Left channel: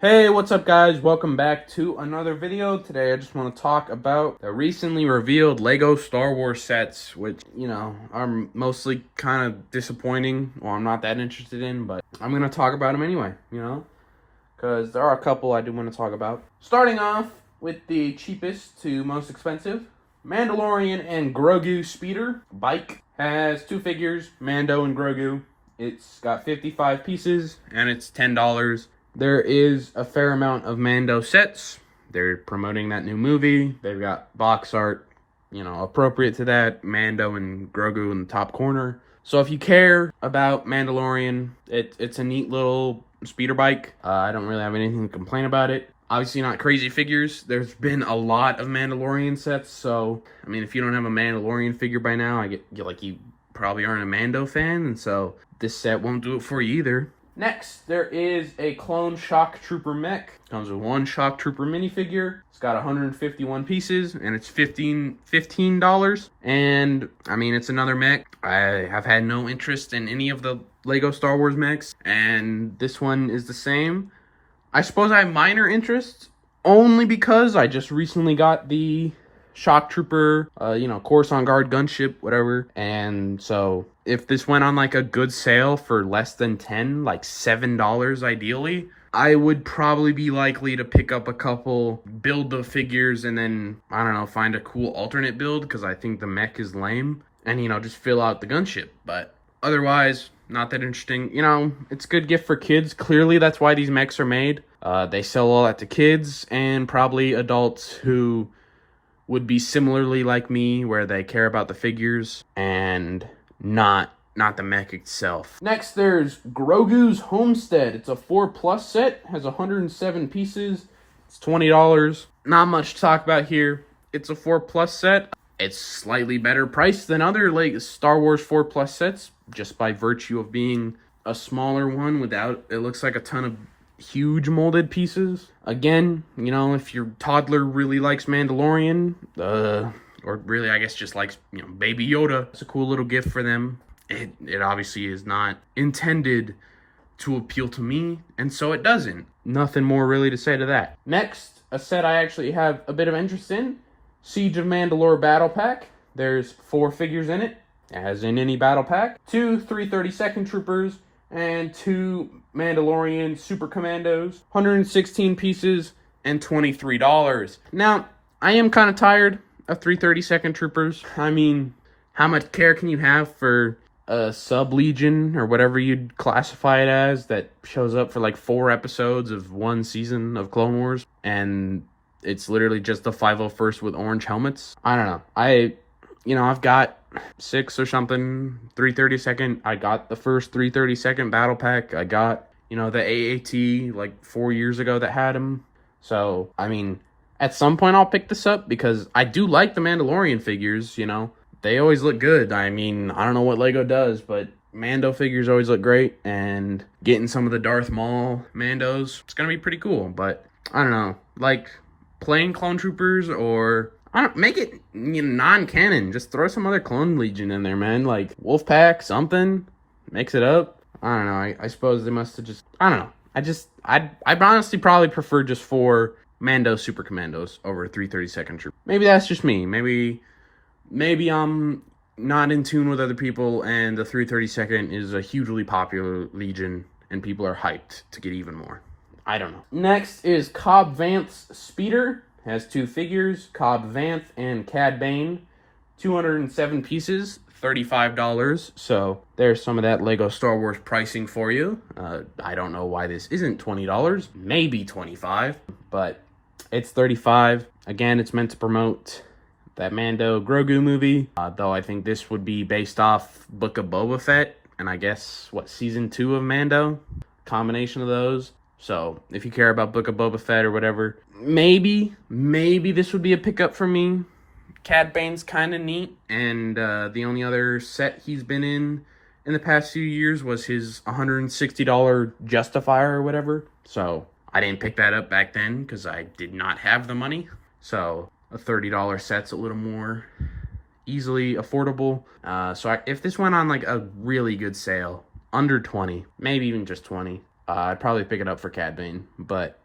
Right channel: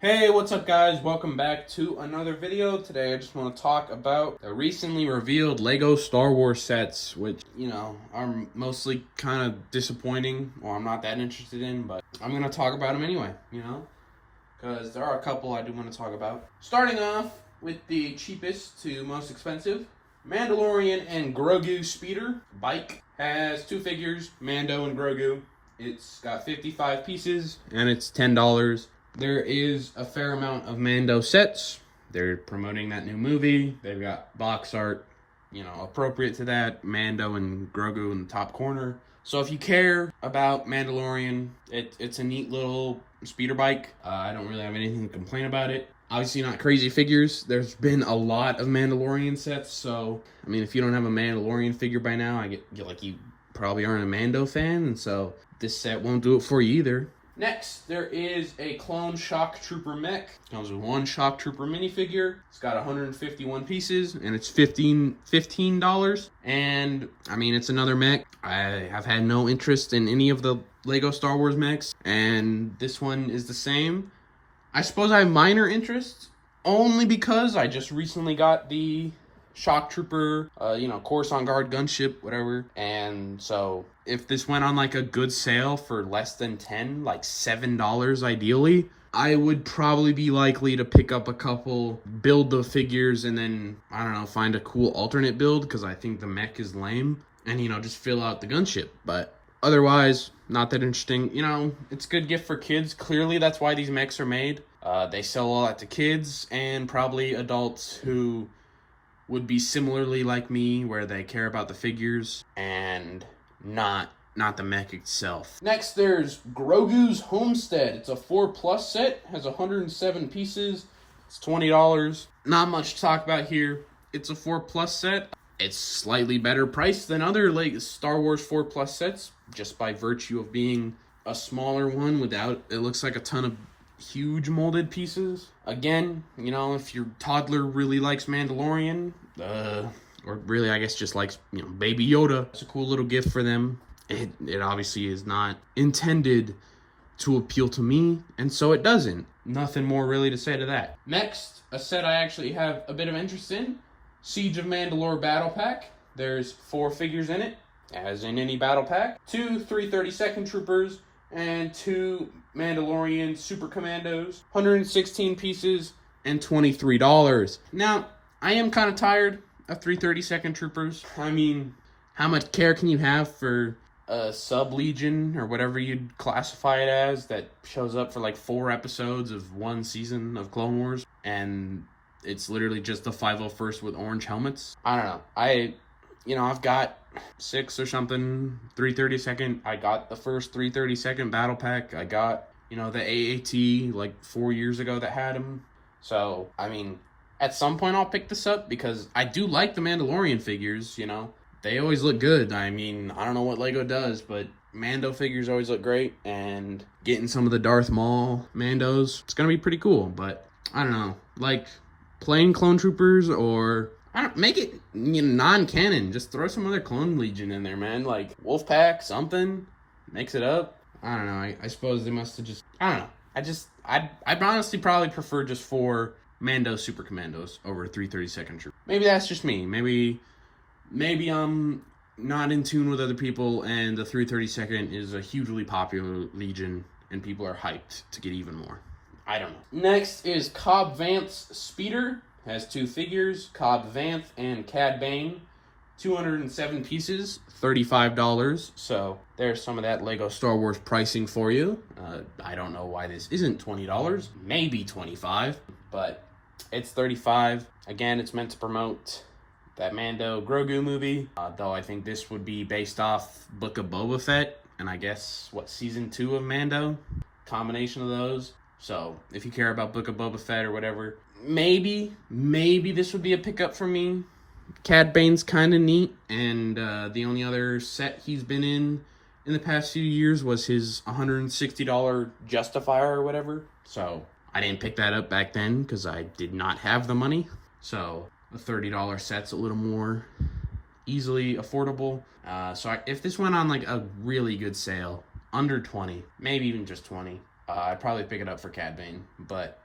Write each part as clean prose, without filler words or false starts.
Hey, what's up guys? Welcome back to another video. Today I just want to talk about the recently revealed Lego Star Wars sets, which, are mostly kind of disappointing. Well, I'm not that interested in, but I'm going to talk about them anyway, because there are a couple I do want to talk about. Starting off with the cheapest to most expensive, Mandalorian and Grogu Speeder bike. Has two figures, Mando and Grogu. It's got 55 pieces and it's $10. There is a fair amount of Mando sets. They're promoting that new movie. They've got box art, appropriate to that. Mando and Grogu in the top corner. So if you care about Mandalorian, it's a neat little speeder bike. I don't really have anything to complain about it. Obviously not crazy figures. There's been a lot of Mandalorian sets, so if you don't have a Mandalorian figure by now, I get like you probably aren't a Mando fan, and so this set won't do it for you either. Next, there is a clone Shock Trooper mech. Comes with one Shock Trooper minifigure. It's got 151 pieces, and it's $15. And, it's another mech. I have had no interest in any of the Lego Star Wars mechs, and this one is the same. I suppose I have minor interest, only because I just recently got the Shock Trooper, Coruscant Guard gunship, whatever. And so if this went on like a good sale for less than 10, like $7 ideally, I would probably be likely to pick up a couple, build the figures, and then, I don't know, find a cool alternate build, because I think the mech is lame, and, just fill out the gunship. But otherwise, not that interesting. It's a good gift for kids. Clearly, that's why these mechs are made. They sell all that to kids and probably adults who would be similarly like me, where they care about the figures and not the mech itself. Next, there's Grogu's Homestead. It's a 4+ set, has 107 pieces. It's $20. Not much to talk about here. It's a 4+ set. It's slightly better priced than other like Star Wars 4+ sets, just by virtue of being a smaller one without, it looks like a ton of huge molded pieces. Again, if your toddler really likes Mandalorian, or really I guess just likes, Baby Yoda, it's a cool little gift for them. It obviously is not intended to appeal to me, and so it doesn't. Nothing more really to say to that. Next, a set I actually have a bit of interest in, Siege of Mandalore Battle Pack. There's 4 figures in it, as in any battle pack. 2 332nd Troopers, and 2 Mandalorian Super Commandos. 116 pieces and $23. Now, I am kind of tired of 332nd Troopers. How much care can you have for a sub-legion, or whatever you'd classify it as, that shows up for like 4 episodes of one season of Clone Wars, and it's literally just the 501st with orange helmets? I don't know. I've got 6 or something 332nd. I got the first 332nd battle pack. I got, the AAT like 4 years ago that had them. So, at some point I'll pick this up, because I do like the Mandalorian figures, They always look good. I don't know what Lego does, but Mando figures always look great, and getting some of the Darth Maul Mandos, it's going to be pretty cool. But, I don't know, like plain clone troopers, or I don't make it non-canon. Just throw some other clone legion in there, man. Like Wolfpack, something. Mix it up. I don't know. I suppose they must have just. I don't know. I'd honestly probably prefer just 4 Mando Super Commandos over 332nd Troop. Maybe that's just me. Maybe I'm not in tune with other people, and the 332nd is a hugely popular legion, and people are hyped to get even more. I don't know. Next is Cobb Vanth Speeder. Has 2 figures, Cobb Vanth and Cad Bane. 207 pieces, $35. So there's some of that Lego Star Wars pricing for you. I don't know why this isn't $20, maybe $25, but it's $35. Again, it's meant to promote that Mando Grogu movie, though I think this would be based off Book of Boba Fett, and I guess, season 2 of Mando? Combination of those. So, if you care about Book of Boba Fett or whatever, maybe this would be a pickup for me. Cad Bane's kind of neat, and the only other set he's been in the past few years was his $160 Justifier or whatever. So, I didn't pick that up back then, because I did not have the money. So, a $30 set's a little more easily affordable. If this went on like a really good sale, under 20, maybe even just 20, I'd probably pick it up for Cad Bane. But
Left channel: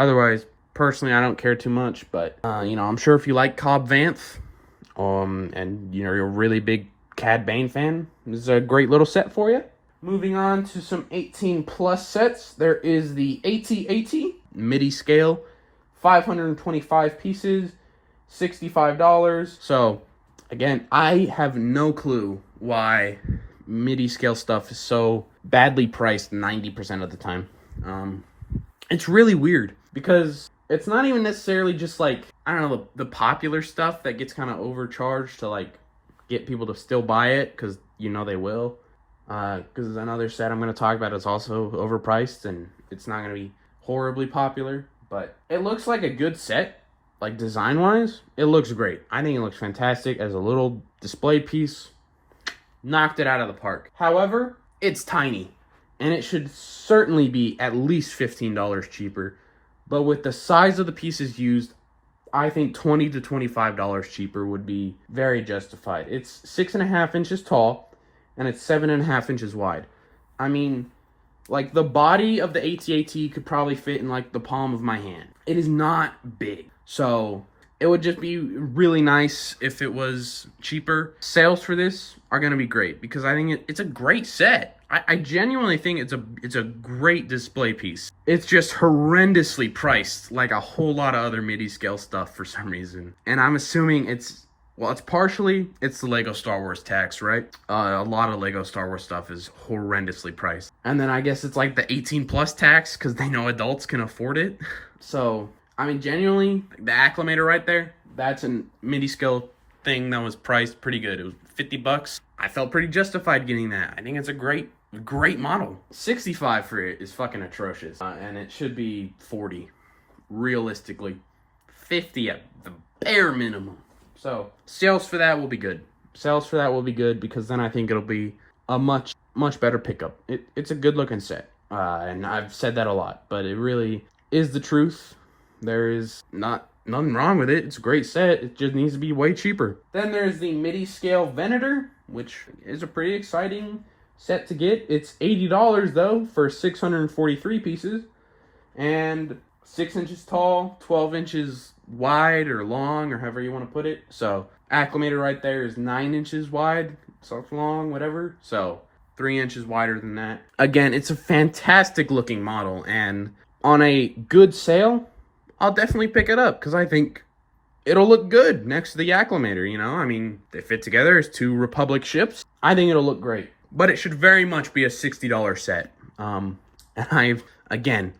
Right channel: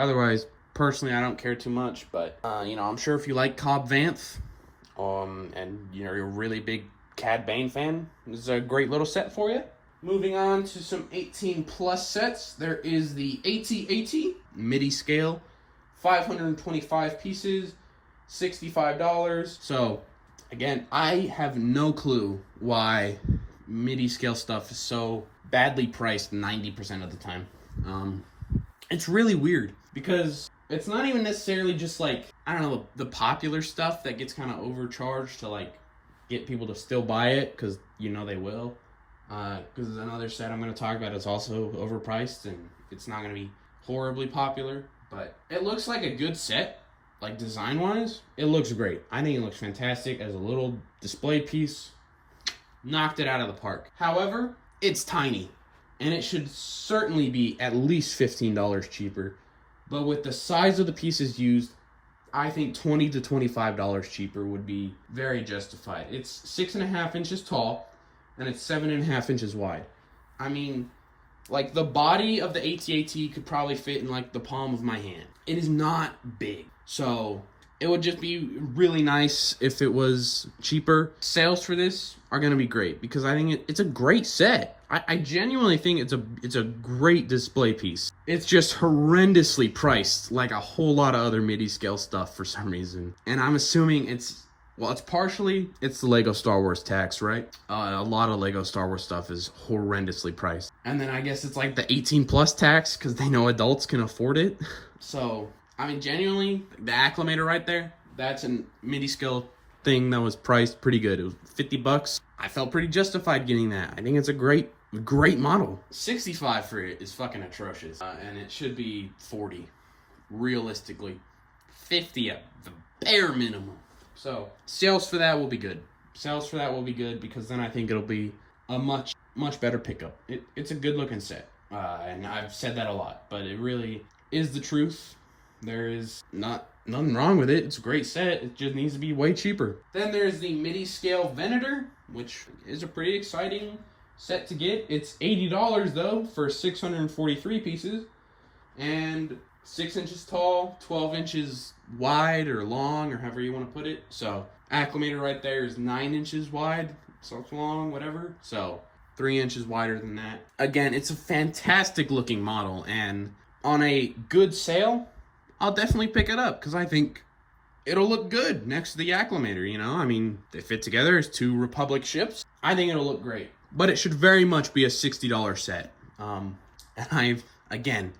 Otherwise, personally, I don't care too much. But, you know, I'm sure if you like Cobb Vanth, and, you know, you're a really big Cad Bane fan, this is a great little set for you. Moving on to some 18 plus sets, there is the AT-AT MIDI scale, 525 pieces, $65. So, again, I have no clue why MIDI scale stuff is so badly priced 90% of the time. It's really weird because it's not even necessarily just like, I don't know, the popular stuff that gets kind of overcharged to like get people to still buy it because you know they will. Because another set I'm going to talk about is also overpriced and it's not going to be horribly popular. But it looks like a good set, like design-wise. It looks great. I think it looks fantastic as a little display piece. Knocked it out of the park. However, it's tiny. And it should certainly be at least $15 cheaper. But with the size of the pieces used, I think $20 to $25 cheaper would be very justified. It's 6.5 inches tall, and it's 7.5 inches wide. I mean, like the body of the AT-AT could probably fit in like the palm of my hand. It is not big. So it would just be really nice if it was cheaper. Sales for this are going to be great because I think it's a great set. I genuinely think it's a great display piece. It's just horrendously priced like a whole lot of other MIDI scale stuff for some reason. And I'm assuming it's the Lego Star Wars tax, right? A lot of Lego Star Wars stuff is horrendously priced. And then I guess it's like the 18 plus tax because they know adults can afford it. So, I mean, genuinely, the Acclimator right there, that's a MIDI scale thing that was priced pretty good. It was $50. I felt pretty justified getting that. I think it's a great model. 65 for it is fucking atrocious. And it should be 40, realistically. 50 at the bare minimum. So, sales for that will be good. Because then I think it'll be a much better pickup. It's a good looking set. And I've said that a lot, but it really is the truth. There is nothing wrong with it. It's a great set. It just needs to be way cheaper. Then there's the MIDI scale Venator, which is a pretty exciting set to get. It's $80 though for 643 pieces. And 6 inches tall, 12 inches wide or long, or however you want to put it. So, Acclimator right there is 9 inches wide, so long, whatever. So, 3 inches wider than that. Again, it's a fantastic looking model, and on a good sale, I'll definitely pick it up, because I think it'll look good next to the Acclimator, you know? I mean, they fit together as two Republic ships. I think it'll look great. But it should very much be a $60 set. And again,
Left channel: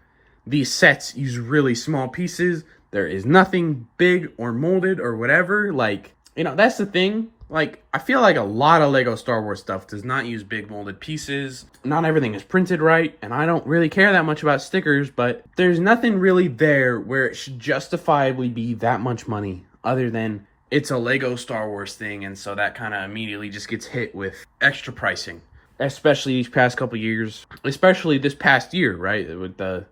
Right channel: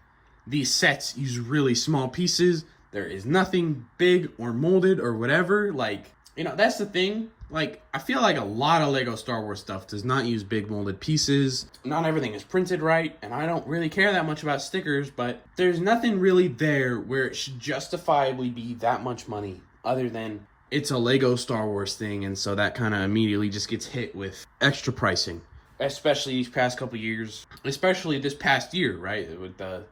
these sets use really small pieces. There is nothing big or molded or whatever. Like, you know, that's the thing. Like, I feel like a lot of Lego Star Wars stuff does not use big molded pieces. Not everything is printed right, and I don't really care that much about stickers, but there's nothing really there where it should justifiably be that much money other than it's a Lego Star Wars thing, and so that kind of immediately just gets hit with extra pricing. Especially these past couple years. Especially this past year, right? With the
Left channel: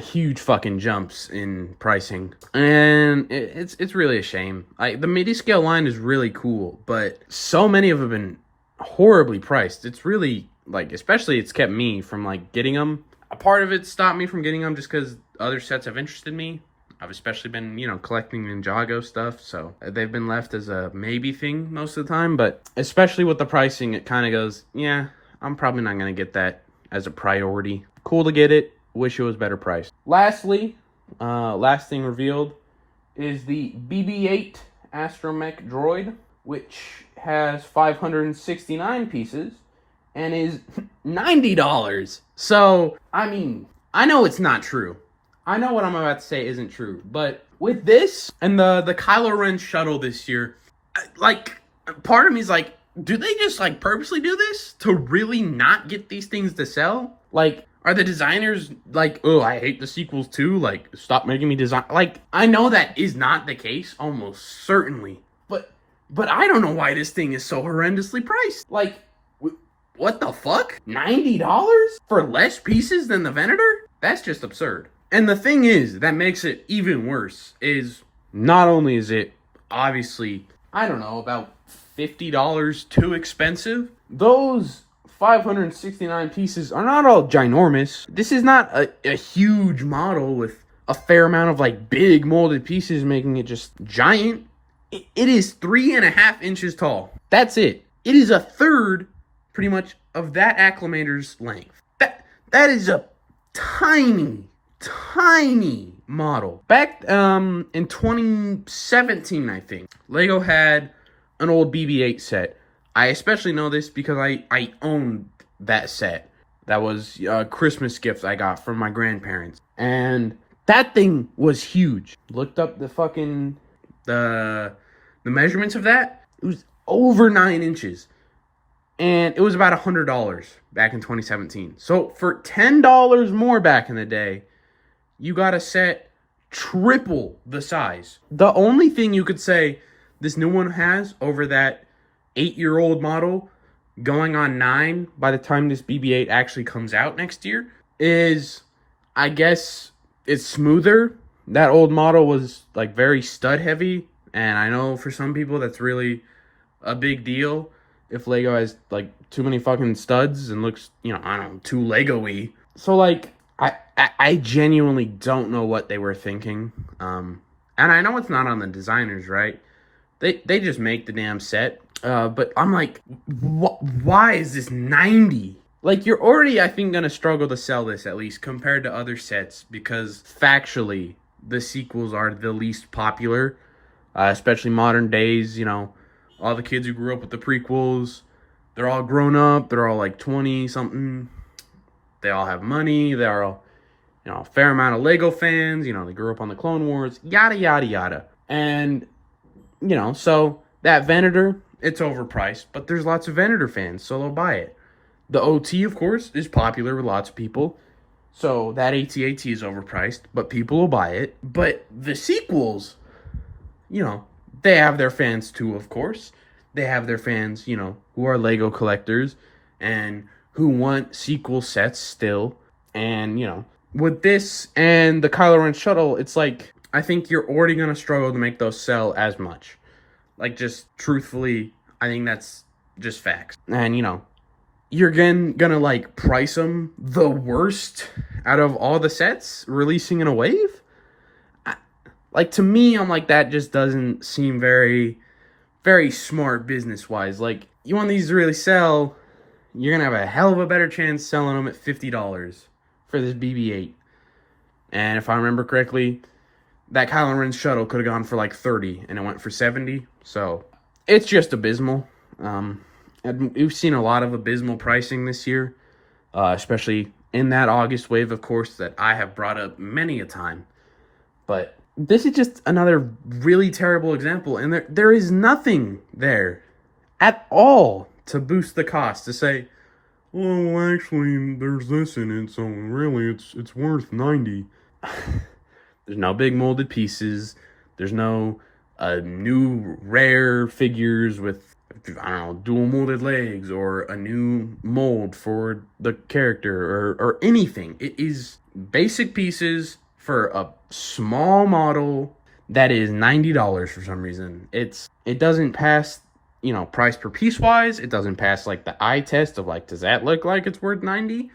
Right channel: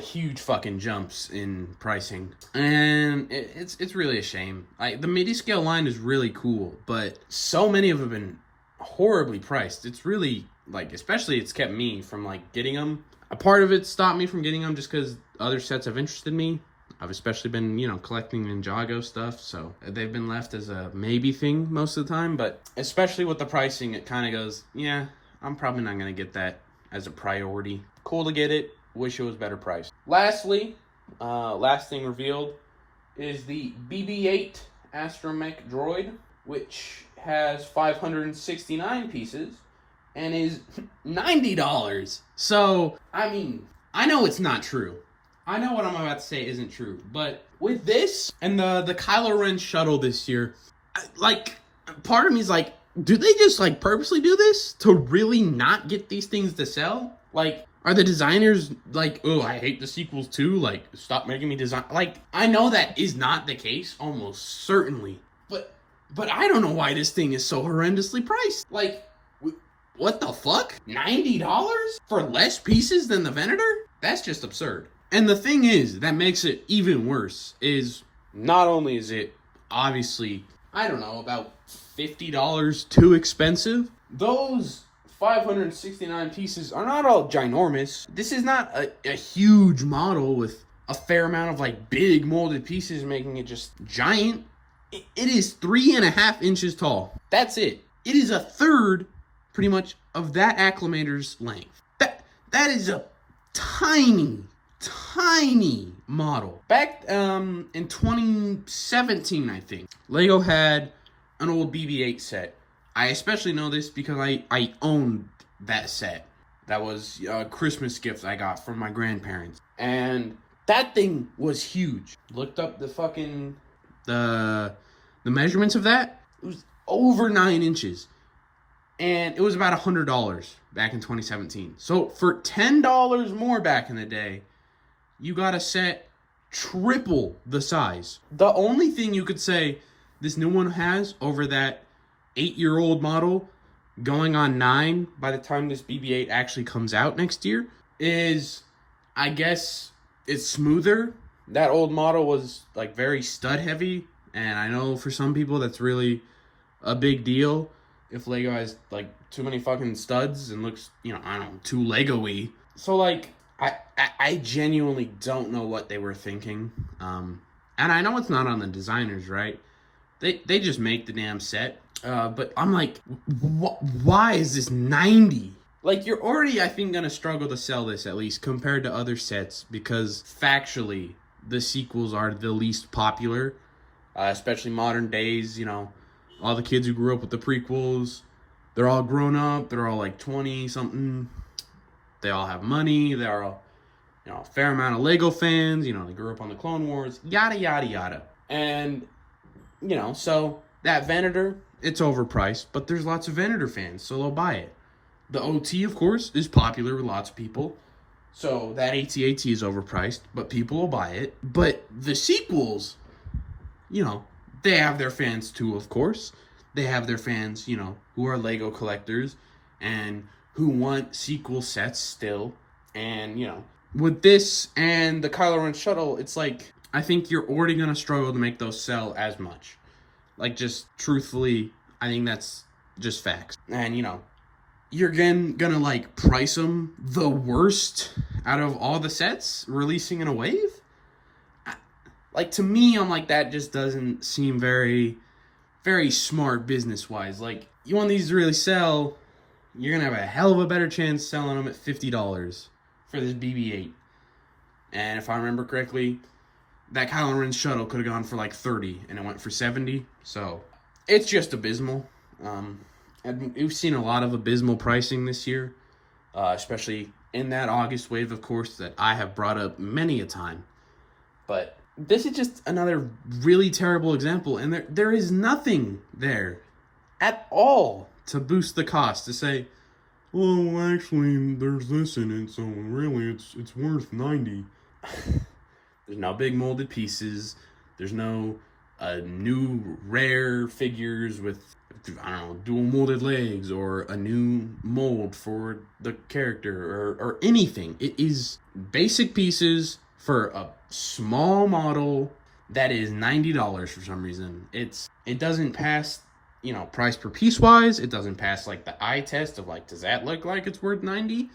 huge fucking jumps in pricing, and it's really a shame. The MIDI scale line is really cool, but so many of them have been horribly priced. It's really, like, especially it's kept me from like getting them. A part of it stopped me from getting them just because other sets have interested me. I've especially been, you know, collecting Ninjago stuff, so they've been left as a maybe thing most of the time, but especially with the pricing, it kind of goes, yeah, I'm probably not going to get that as a priority. Cool to get it. Wish it was better priced. Lastly, last thing revealed is the BB-8 Astromech Droid, which has 569 pieces and is $90. So, I mean, I know it's not true. I know what I'm about to say isn't true, but with this and the Kylo Ren shuttle this year, like, part of me is like, do they just like purposely do this to really not get these things to sell? Like, are the designers like, oh, I hate the sequels too, like, stop making me design? Like, I know that is not the case, almost certainly, but I don't know why this thing is so horrendously priced. Like, what the fuck? $90 for less pieces than the Venator? That's just absurd. And the thing is, that makes it even worse, is not only is it obviously, I don't know, about $50 too expensive, those 569 pieces are not all ginormous. This is not a huge model with a fair amount of like big molded pieces, making it just giant. It is 3.5 inches tall. That's it. It is a third, pretty much, of that Acclimator's length. That is a tiny model. Back in 2017, I think, Lego had an old BB-8 set. I especially know this because I owned that set. That was a Christmas gift I got from my grandparents. And that thing was huge. Looked up the measurements of that. It was over 9 inches. And it was about $100 back in 2017. So for $10 more back in the day, you got a set triple the size. The only thing you could say this new one has over that 8-year-old model going on 9 by the time this BB-8 actually comes out next year is, I guess, it's smoother. That old model was like very stud heavy, and I know for some people that's really a big deal if Lego has like too many fucking studs and looks, I don't know, too Lego-y. So like I genuinely don't know what they were thinking. And I know it's not on the designers, right? They just make the damn set. But I'm like, why is this 90? Like, you're already, I think, going to struggle to sell this, at least, compared to other sets, because factually, the sequels are the least popular, especially modern days. All the kids who grew up with the prequels, they're all grown up, they're all like 20-something, they all have money, they're all, a fair amount of Lego fans, they grew up on the Clone Wars, yada, yada, yada. And, so that Venator, it's overpriced, but there's lots of Venator fans, so they'll buy it. The OT, of course, is popular with lots of people, so that AT-AT is overpriced, but people will buy it. But the sequels, they have their fans too, of course. They have their fans, who are Lego collectors and who want sequel sets still. And, with this and the Kylo Ren shuttle, it's like, I think you're already going to struggle to make those sell as much. Like, just truthfully, I think that's just facts. And, you're gonna like price them the worst out of all the sets releasing in a wave. Like, to me, I'm like, that just doesn't seem very, very smart business wise. Like, you want these to really sell, you're gonna have a hell of a better chance selling them at $50 for this BB-8. And if I remember correctly, that Kylo Ren shuttle could have gone for like 30 and it went for 70. So it's just abysmal. And we've seen a lot of abysmal pricing this year, especially in that August wave, of course, that I have brought up many a time. But this is just another really terrible example, and there is nothing there at all to boost the cost, to say, well, actually, there's this in it, so really it's worth 90. There's no big molded pieces. There's no new rare figures with, I don't know, dual molded legs or a new mold for the character or anything. It is basic pieces for a small model that is $90 for some reason. It doesn't pass, price per piece wise. It doesn't pass like the eye test of like, does that look like it's worth 90?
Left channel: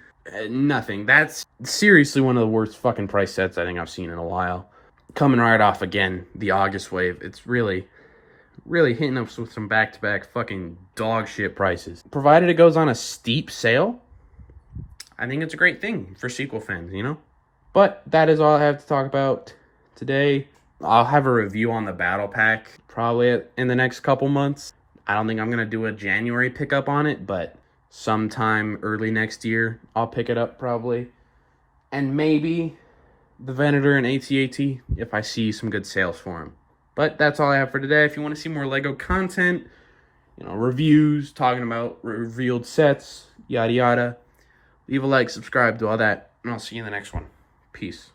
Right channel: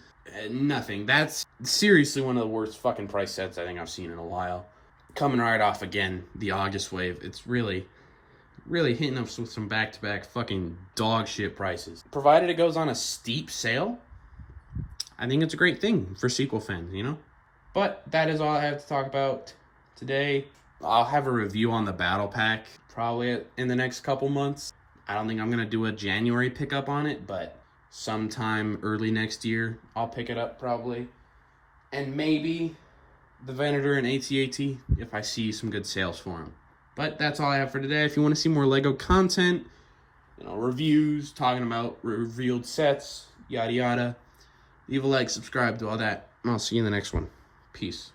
Nothing. That's seriously one of the worst fucking price sets I think I've seen in a while. Coming right off again, the August wave. It's really hitting us with some back-to-back fucking dog shit prices. Provided it goes on a steep sale, I think it's a great thing for sequel fans, But that is all I have to talk about today. I'll have a review on the Battle Pack probably in the next couple months. I don't think I'm going to do a January pickup on it, but sometime early next year, I'll pick it up probably. And maybe the Venator and AT-AT if I see some good sales for them. But that's all I have for today. If you want to see more Lego content, reviews, talking about revealed sets, yada yada, leave a like, subscribe, do all that, and I'll see you in the next one. Peace.